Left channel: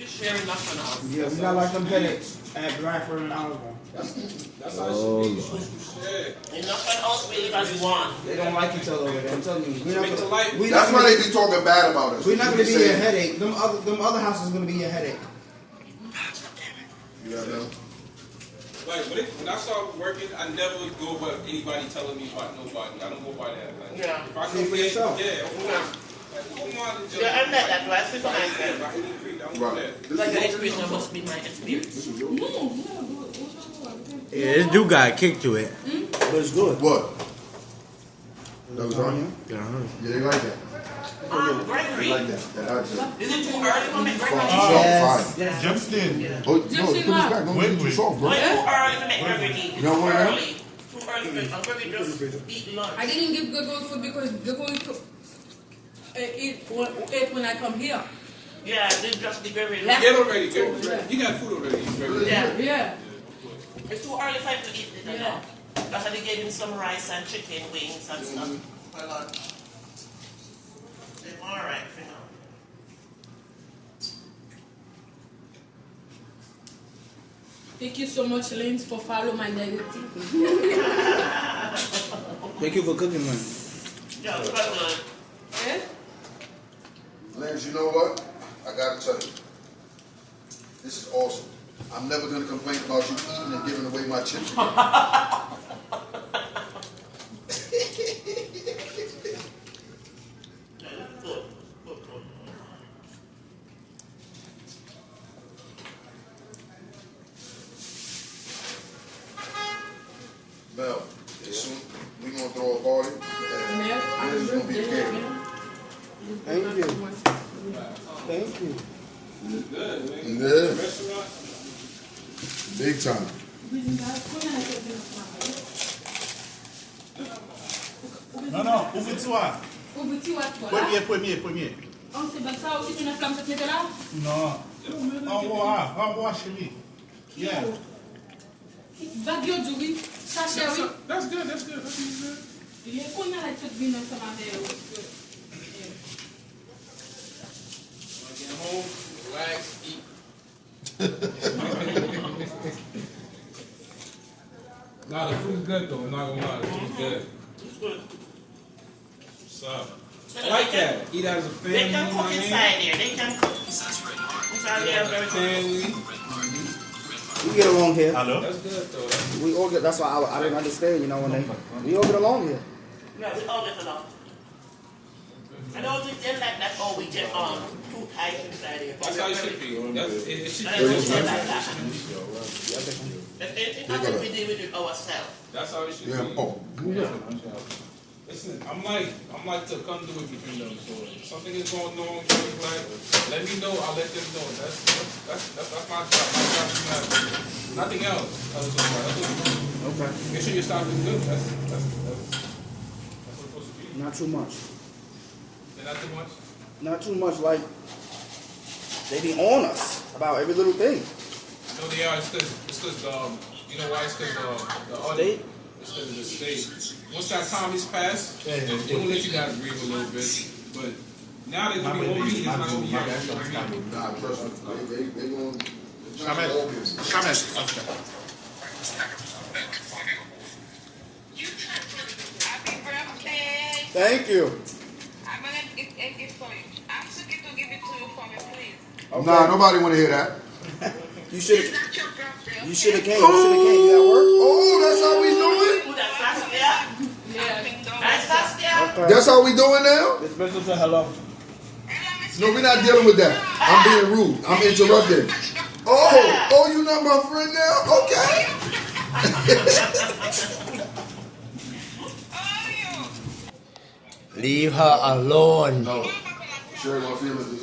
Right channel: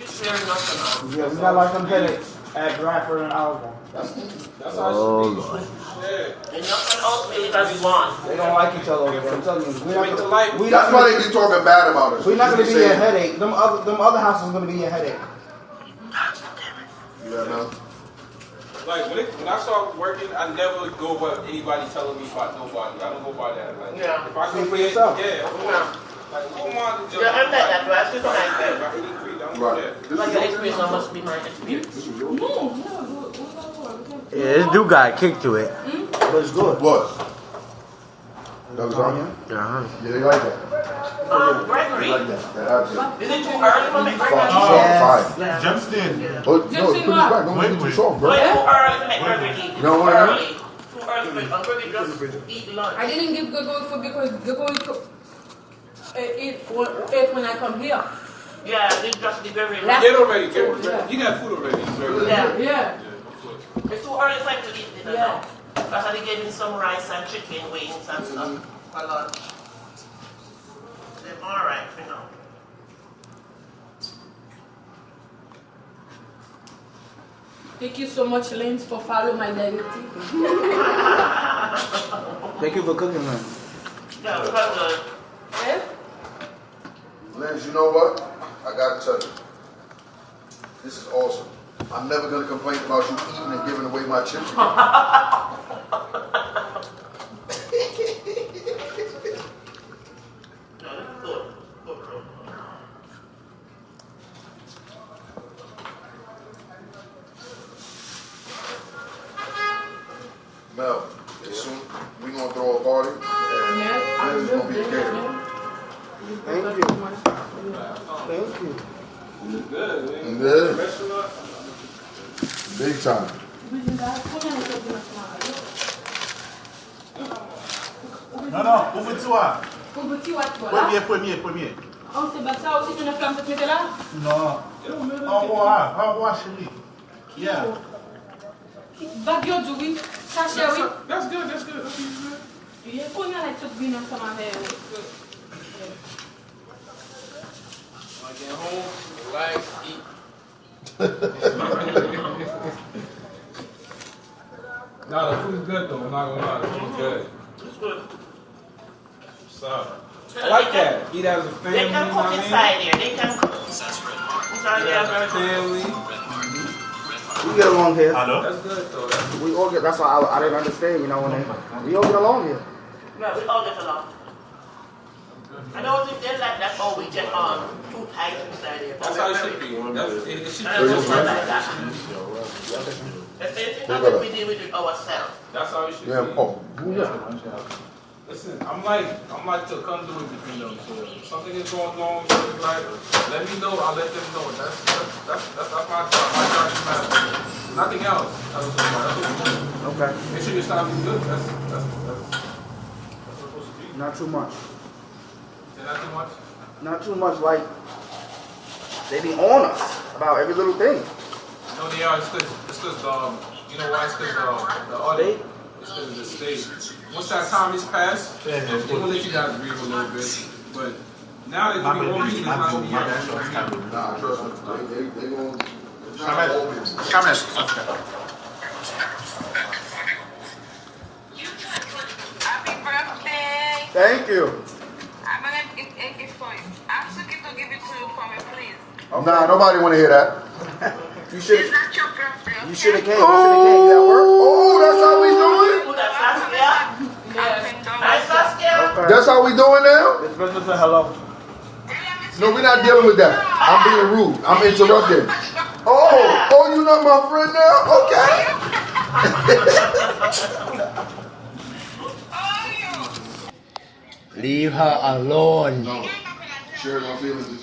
Yeah, we not like them headaches at Bradford and Alabama. That's how Lord. They're not going out because you want. They don't like each other over there. I'm telling you. That's why they be talking bad about us. We're not going to be your headache. Them other houses are going to be your headache. You know? Like when I start working, I never go by anybody telling me about nobody. I don't go by that. Like, yeah. If I come for yourself. Like, who am I to judge? Yeah, I'm that way. I see what I said. Right. Like your experience must be my experience. Yeah, this dude got a kick to it. But it's good. What? That was on? Uh-huh. Yeah, they like that. Gregory. They like that. Is it too early for me, Gregory? Yes. Yeah. Justin. No, put it back. Don't make it too soft, bro. It's too early to make Gregory eat. You know what I mean? Too early for Gregory just eat lunch. I didn't give Gregory food because Gregory eat when I come here. Yeah, they just be very Get already. He got food already. Yeah. It's too early for him to eat it now. Because I gave him some rice and chicken wings and stuff. A lot. They're alright for now. Thank you so much, Lance, for following my negative. Thank you for cooking, man. Yeah, it's quite good. Yeah? Lance, you know what? I gotta tell you. This is awesome. I'm never gonna complain about you eating and giving away my chicken. Mel, soon we gonna throw a party and this is gonna be catering. Thank you. Thank you. Good. Yeah. Big time. Non, ouvre-toi. Ouvre-toi, toi. Premier. Oh, c'est pas ça aussi, tu n'as flamme cette méthode là? Non. Au revoir, chérie. Yeah. Bagyo du oui. Sachet oui. That's good. Il y a qu'on a la toute bien ensemble avec I get home, relax, eat. Nah, the food's good though. I'm not gonna lie, the food's good. It's good. What's up? I like that. Eat as a family. They can cook inside there. They can cook. Family. We get along here. Hello? That's good though. We all get. That's why I didn't understand. You know we all get along here. Yeah, we all get along. I don't think they like that. Oh, we get too tight inside here. That's how it should be. It should And be it's just just like like that. that. If anything happens, we deal with it ourselves. That's how it should Yeah. be. Oh. Listen, I'm like to come do it between them. So if something is going on, like, let me know. I'll let them know. That's my job. My job is not nothing else. That's it. Okay. Make sure your staff is good. That's what it's supposed to be. Not too much. Is not too much? Not too much. Like they be on us about every little thing. No, they are. It's because you know why? It's because the audit. It's because of the state. Once that time is passed, they will let you guys breathe a little bit. But now that the whole meeting is not over here. Nah, trust me. They gonna Happy birthday! Thank you. I'm gonna get a gift for you. Ask the kid to give it to you for me, please. Okay. Nah, nobody wanna hear that. You It's should. not your birthday. You should have came. You should have came. You at work? Oh, that's how we doing? Who that Saskia? Nice Saskia? Okay. That's how we doing now? It's better to say hello. No, we're not dealing with that. I'm being rude. I'm interrupting. Oh, you not my friend now? Okay. Leave her alone. No. Share my feelings.